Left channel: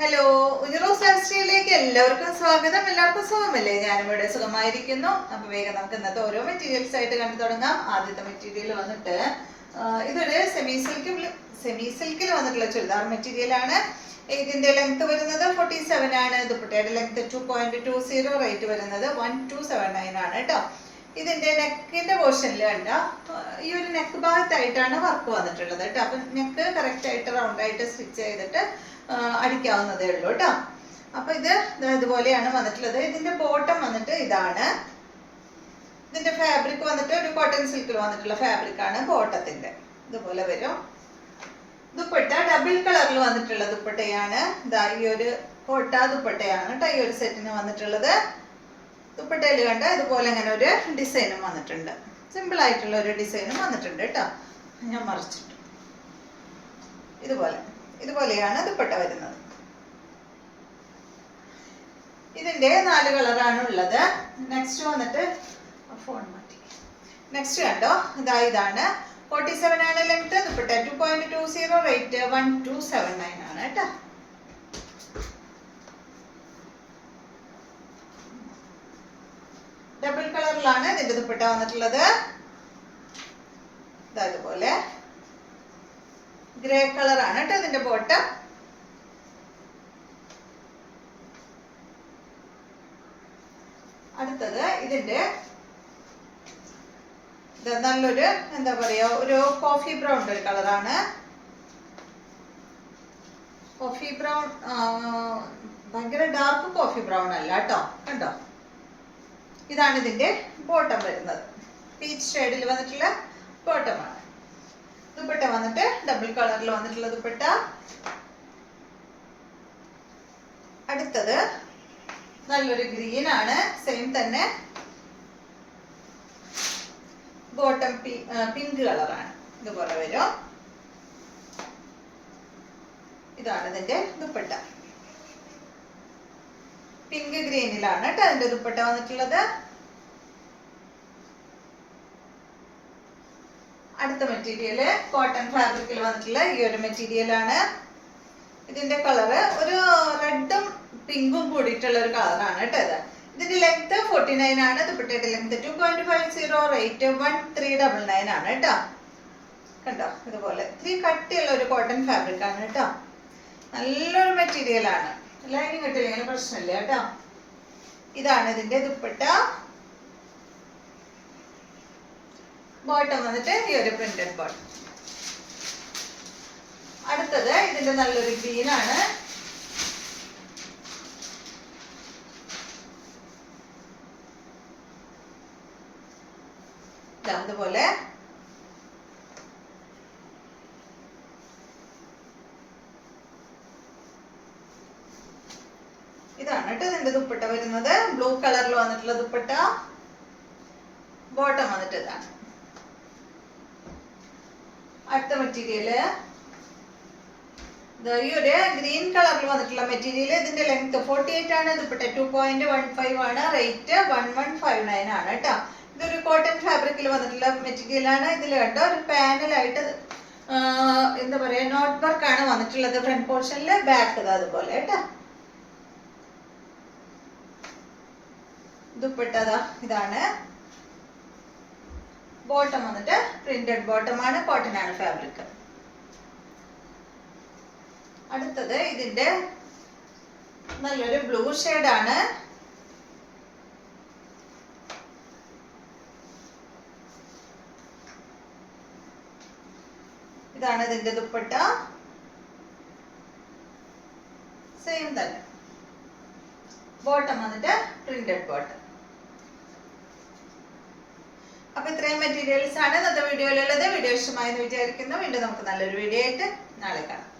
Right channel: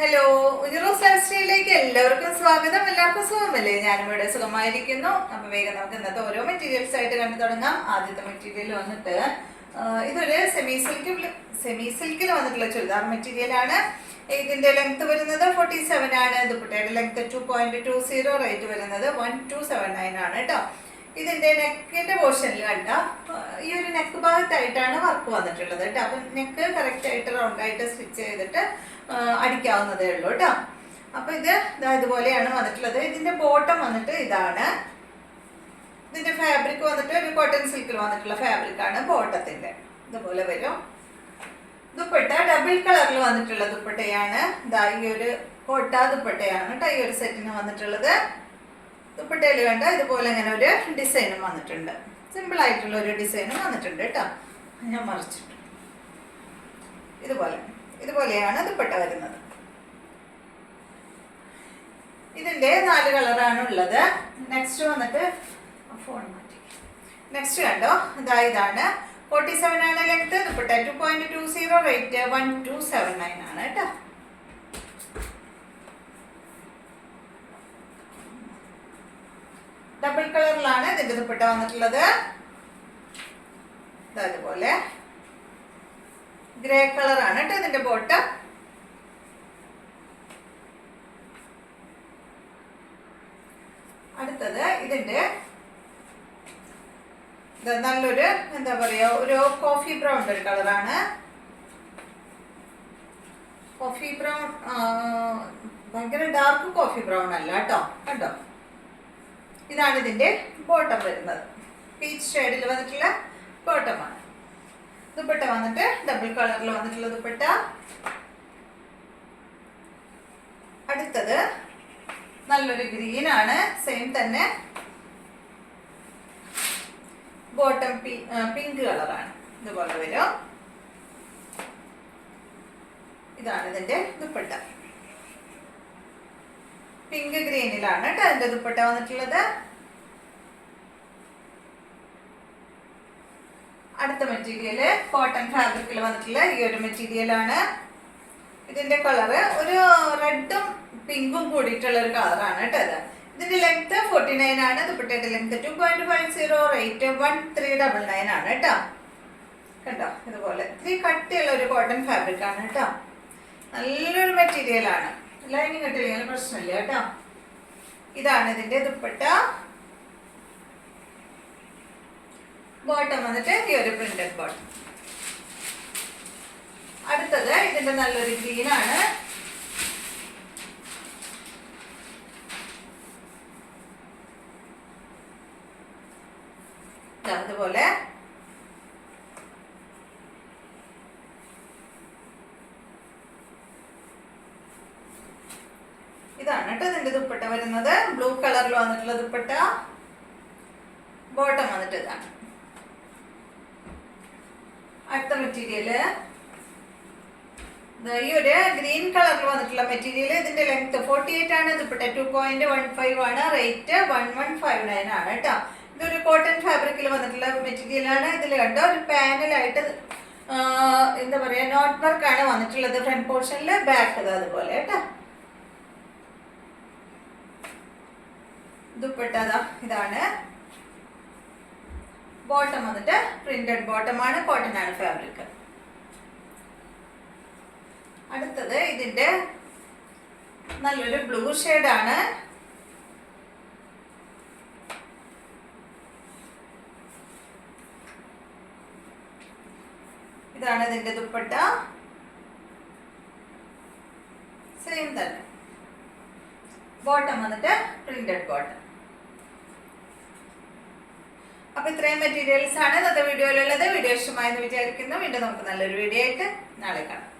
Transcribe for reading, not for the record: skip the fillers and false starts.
Hello, ഉജറോസ് life സ്റ്റൈലിലേക്ക് എല്ലാവർക്കും സ്വാഗതം. എല്ലാവർക്കും സുഖമല്ലേ? ഞാനും ഇവിടെ സുഖമായിരിക്കുന്നു. അപ്പൊ വേഗം നമുക്ക് ഇന്നത്തെ ഓരോ മെറ്റീരിയൽസ് ആയിട്ട് കണ്ടു തുടങ്ങാം. ആദ്യത്തെ മെറ്റീരിയൽ വന്നിട്ട് ഇതൊരു സെമി സിൽക്കിൽ വന്നിട്ടുള്ള ചുരിദാർ മെറ്റീരിയൽ ആണ്. ഇതിന്റെ ലെങ്ത് വരുന്നത് 47 ആണ്. ദുപ്പട്ടയുടെ ലെങ്ത് 2.20, റേറ്റ് വരുന്നത് 1279 ആണ് കേട്ടോ. ഇതിന്റെ നെക്കിന്റെ പോർഷനിൽ കണ്ട ഈ ഒരു നെക്ക് ഭാഗത്തായിട്ടാണ് വർക്ക് വന്നിട്ടുള്ളത് കേട്ടോ. അപ്പൊ നെക്ക് കറക്റ്റ് ആയിട്ട് റൗണ്ട് ആയിട്ട് സ്റ്റിച്ച് ചെയ്തിട്ട് അടിക്കാവുന്നതേ ഉള്ളൂ കേട്ടോ. അപ്പൊ ഇത് ഇതുപോലെയാണ് വന്നിട്ടുള്ളത്. ഇതിന്റെ ബോട്ടം വന്നിട്ട് ഇതാണ്. ഇതിന്റെ ഫാബ്രിക് വന്നിട്ട് ഒരു കോട്ടൺ സിൽക്കിൽ വന്നിട്ടുള്ള ഫാബ്രിക് ആണ് ബോട്ടത്തിന്റെ. ഇതുപോലെ വരും. ദുപ്പട്ട ഡബിൾ കളറിൽ വന്നിട്ടുള്ള ദുപ്പട്ടയാണ്. ഈ ഒരു കോട്ട ദുപ്പട്ടയാണ് കേട്ടോ ഈ ഒരു സെറ്റിന് വന്നിട്ടുള്ളത്. ദുപ്പട്ടയിൽ കണ്ട ഇതുപോലെ അങ്ങനെ ഒരു ഡിസൈനും വന്നിട്ടുണ്ട്. സിമ്പിൾ ആയിട്ടുള്ള ഒരു ഡിസൈനും വന്നിട്ടുണ്ട് കേട്ടോ. ഞാൻ മറിച്ചിട്ട് ഇതുപോലെയാണ് ദുപ്പട്ട വരുന്നത്. ഇതിന്റെ 4 കളറാണ് ഉള്ളത്. നെക്സ്റ്റ് വന്നിട്ട് ഫോൺ മാറ്റി. നെക്സ്റ്റ് കണ്ടോ, ഇതാണ് 47 ആണ് ലെങ്ത്. ദുപ്പട്ട 2.20, റേറ്റ് 1279 ആണ് കേട്ടോ. ഡബിൾ കളറിലാണ് ഇതിന്റെ ദുപ്പട്ട വന്നിട്ടുള്ളത്. ഇതുപോലെ ഗ്രേ കളറാണ് കേട്ടോ ഇതിന്റെ ബോട്ടം. അടുത്തത് ഇതിന്റെ നല്ലൊരു എന്താ പറയാ ഒരു കോഫി ബ്രൗൺ ഒരു കളറാണ്. കോഫി ബ്രൗൺ, ഭയങ്കര ഡാർക്ക് കോഫി ബ്രൗൺ അല്ല കേട്ടോ. കണ്ടോ, ഇതാണ് ഇതിന്റെ ബോട്ടം വരുന്നത്. പീച്ച് ഷെയ്ഡിൽ വന്നിട്ടുള്ള ബോട്ടമാണ്. ദുപ്പട്ട വന്നിട്ട് ഡബിൾ കളറിൽ വന്നിട്ടുള്ള ദുപ്പട്ട. അടുത്തത് നല്ലൊരു ഗ്രീൻ ആണ്. സെയിം തന്നെ ബോട്ടം പിങ്ക് കളറാണ്. ഇതുപോലെ വരും. ഇതാണ് ഇതിന്റെ ദുപ്പട്ട. പിങ്ക് ഗ്രീനിലാണ് കേട്ടോ അതിന്റെ ദുപ്പട്ട വന്നിട്ടുള്ളത്. അടുത്ത മെറ്റീരിയല് കോട്ടൺ ഫാബ്രിക്കിൽ വന്നിട്ടുള്ള ഈ ഒരു മെറ്റീരിയൽ ആണ്. ഇതിന്റെ കളറ് ഒരു റെഡും പിങ്കും കൂടിയിട്ടുള്ള ഒരു കളറാണ് കേട്ടോ ഇത്. ഇതിന്റെ ലെങ്ത് 49 ആണ്. ദുപ്പട്ടയുടെ ലെങ്ത് 2.50, റേറ്റ് 1399 ആണ് കേട്ടോ. കണ്ടോ, ഇതുപോലെ ഇത്തിരി കട്ടിയുള്ള ഒരു കോട്ടൺ ഫാബ്രിക് ആണ് കേട്ടോ. നല്ലൊരു മെറ്റീരിയൽ ആണ്. ലൈനിങ് കിട്ടിയില്ലെങ്കിൽ പ്രശ്നമില്ല കേട്ടോ. ഇതാണ് ഇതിന്റെ ദുപ്പട്ട. ബോട്ടം വന്നിട്ട് ഈ ഒരു പ്രിന്റഡ് ബോട്ടം. അടുത്തത് ഇതിന്റെ നല്ലൊരു ഗ്രീൻ ആണ്. അതുപോലെ ഇതാണ് കേട്ടോ ഇതിന്റെ ദുപ്പട്ട വരുന്നത്. ബ്ലൂ കളറിൽ വന്നിട്ടുള്ള ദുപ്പട്ട. ബോട്ടം വന്നിട്ട് ഇതാണ്. അടുത്ത മെറ്റീരിയല് ഈ ഒരു ഗ്രീൻ കളറിൽ വന്നിട്ടുള്ള മെറ്റീരിയൽ. ഇതിന്റെ ലെങ്ത് 48 ആണ്. ദുപ്പട്ട 2.15 ആണ്. റേറ്റ് 1159 ആണ് കേട്ടോ. ഇതൊരു കോട്ടൺ ഫാബ്രിക്കിൽ വന്നിട്ടുള്ള മെറ്റീരിയൽ ആണ്. ഇതിൽ കണ്ടോ ഒരു പാനലായിട്ട് എന്താ പറയാ നോട്ട് വർക്ക് ആണ് വന്നിട്ടുള്ളത് ഫ്രണ്ട് പോർഷനില്. ബാക്ക് അതുപോലെ കേട്ടോ. ദുപ്പട്ട ഇതാണ്. ബോട്ടം വന്നിട്ട് പ്രിന്റഡ് ബോട്ടം ആണ്. കോട്ടൺ ആണ് ഫാബ്രിക്. അടുത്തത് ഇതിന്റെ നല്ലൊരു ബ്ലൂ ഷെയ്ഡ് ആണ്. ഇതാണ് ഇതിന്റെ ദുപ്പട്ട. സെയിം തന്നെ. ബോട്ടം വന്നിട്ട് പ്രിന്റഡ് ബോട്ടം. അപ്പൊ ഇത്രയും മെറ്റീരിയൽസ് ആണ് ഇന്നത്തെ വീഡിയോയിലുള്ളത്. വീഡിയോ ഇഷ്ടമായെന്ന് വിചാരിക്കുന്നു. വീണ്ടും നമുക്ക് നല്ലൊരു വീഡിയോ ആയിട്ട് നാളെ കാണാം.